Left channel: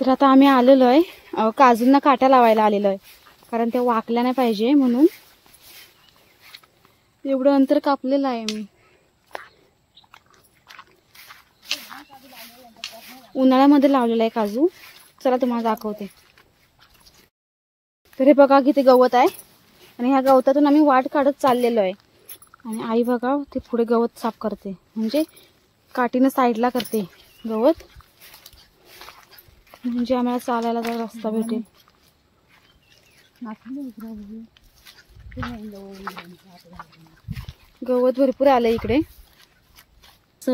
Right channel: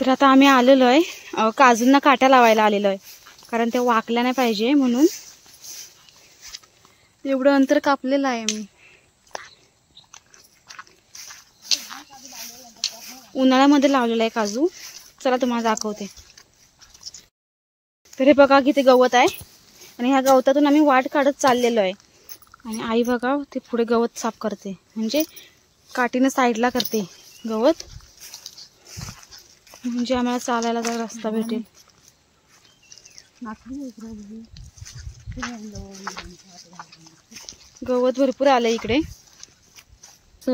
तर आता आम्ही आलेलो आहे, काजूंना काट्या लावायला आलेलो आहे, कारण त्या वाकल्या नाही पाहिजे म्हणून एवढं अंतर कापलेलं आहे मी. उन्हाळ्यामध्ये लावलेला आहे काजू. चला तुम्हाला दाखवते. तर हे बघा किती गवत आहे आणि ह्या गवतातून आम्ही वाट काढत चाललेलो आहे. आणि आई बघा ते पुढे गवत साफ करते, म्हणजे काठीनं साईडला करते गवत, म्हणजे आम्हाला चालायला जरा रस्ता भेटेल. गवत भरपूर आलं इकडे.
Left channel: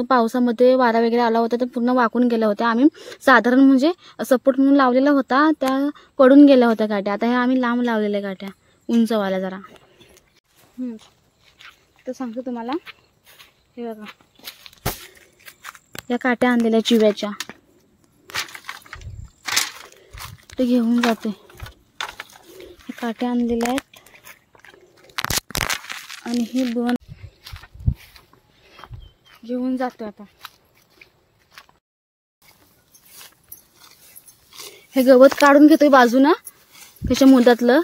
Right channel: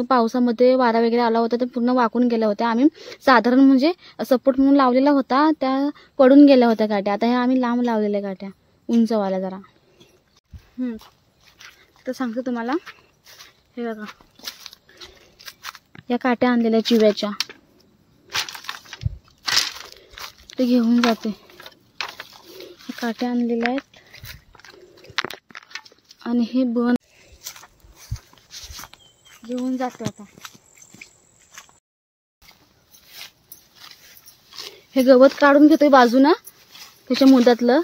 पावसामध्ये वारा वगैरे आला होता तर पूर्ण वाकून गेल्या होत्या. आम्ही साधारण म्हणजे सपोर्ट म्हणून लावलेला होता, त्या पडून गेल्या होत्या गाठ्या. आता ह्या आम्ही लांब लावलेल्या गाठ्या, उंचवाल्या जरा. तर सांगते तुम्हाला, हे बघा या काट्या आणलेल्या चिव्याच्या, ते घेऊन जाते. या काट्या आणलेल्या आहेत आणि हे बन घेऊन जाते. आता हे गवत काढून घेतोय बाजूना, त्याच्या मुदातलं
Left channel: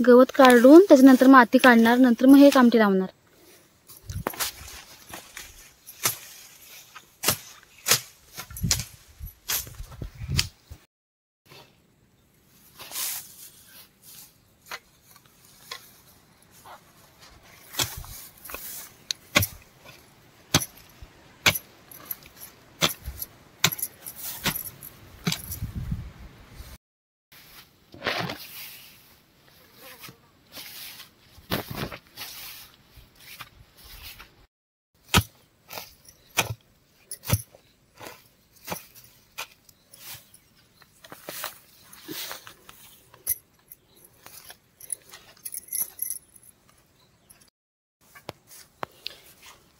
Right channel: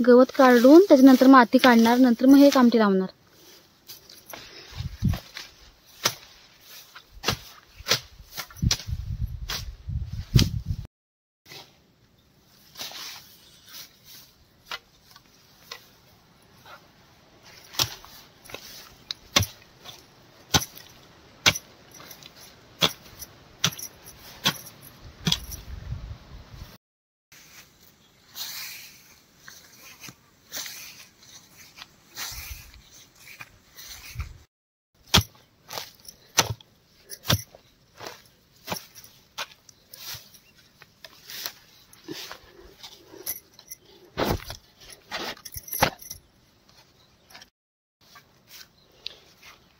गवत काढून त्याच्यानंतर माती काढणार, नंतर मग हे कामटी लावणार.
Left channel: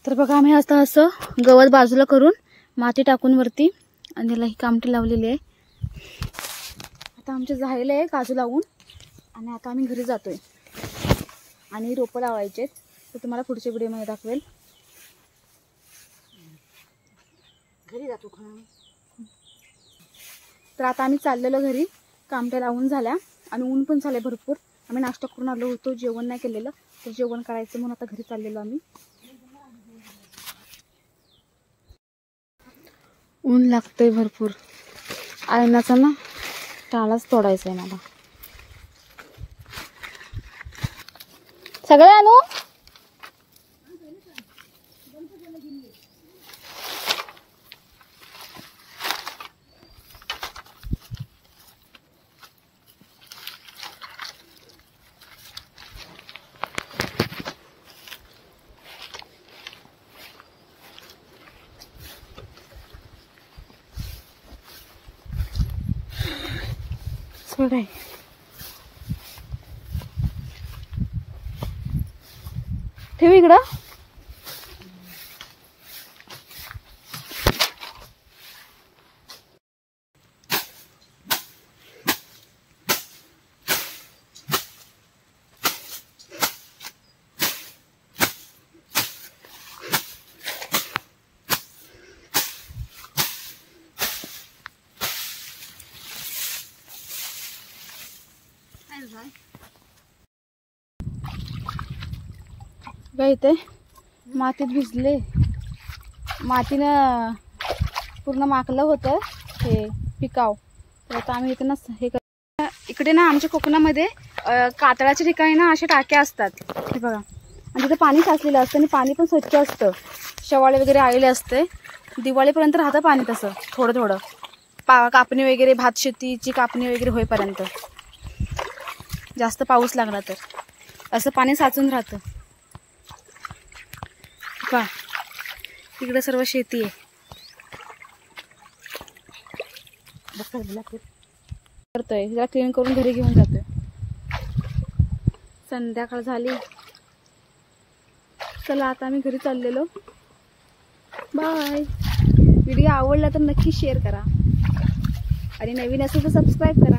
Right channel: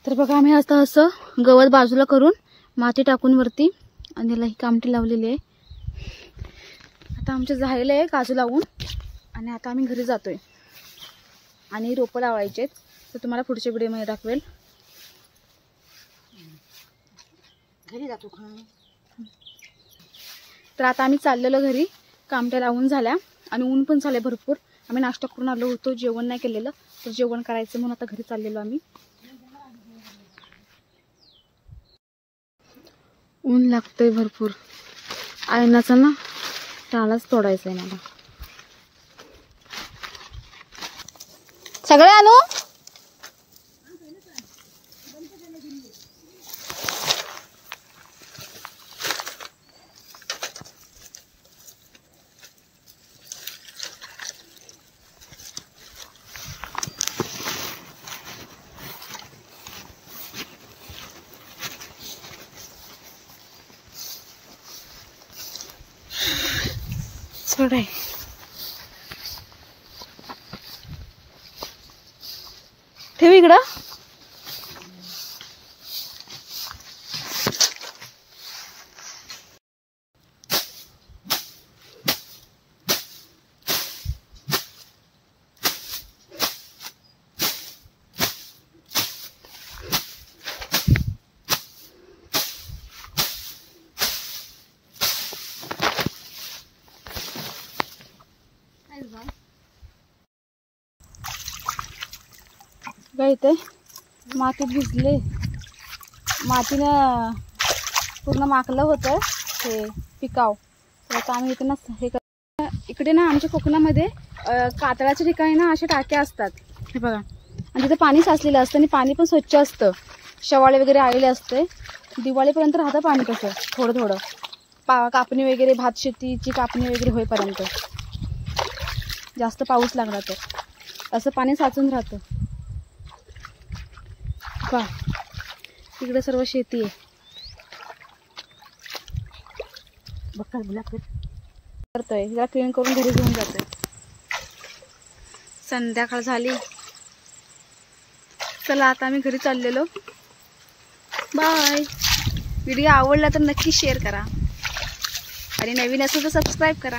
तर बघा आम्ही आता असं गवत बाजूला करून माती टाकून वरती आणि याला ही कामटी लावलेली आहे. आता आमचं झालेलं आहे काजू लावून आणि आता आम्ही घरी जातोय आणि रोपं लावायचे आहेत. तर तुम्हाला पुढच्या व्हिडिओमध्ये दाखवेल. घरी जातो. तर आता आम्ही चाललेलो घरी. कामट्या लावून झाल्या आणि ऊन पण झाले भरपूर. आम्ही नाश्ता करून आलो होतो, जेवण नाही केलेलं, तर जेवण करायचं म्हणून आता घरी चाललेलो आम्ही. ऊन लागतंय भरपूर. आयनाचा ना टाळाच तोडायचा आहे मला. सगळे आणू. सोडाय ठेव इकडं. इथे मातीत भिजले, मातीनं पूर्ण माकलं होतं हे पिकाव. तर आता आम्ही इथे ना हे इकडे ना आमच्या कोकणामध्ये कातळाच्या ठिकाणी ना अशा टाक्या असतात, हे बघा. आणि तिथे पाणी साचलेलं असतं आणि पाणी पण स्वच्छ असतं. शेवाळे वगैरे आलेले असते. दिवाळीपर्यंत राहतं पाणी तसं थोडं थोडं. कापणी वगैरे, भात शेतीची कापणी वगैरे होईपर्यंत, जास्त पाऊस लागला तर असं पाणी साचून राहतं. पहा तिकडे सर्व शेती आहे. करतोय हिला क्लीन करून घरी घेऊन जातोय. संध्याकाळ झाली. चला आता आम्ही घरी चाललेलो. बाय. व्हिडिओ आवडला तर नक्की शेअर करा आणि नवीन असेल तर सबस्क्राईब करा.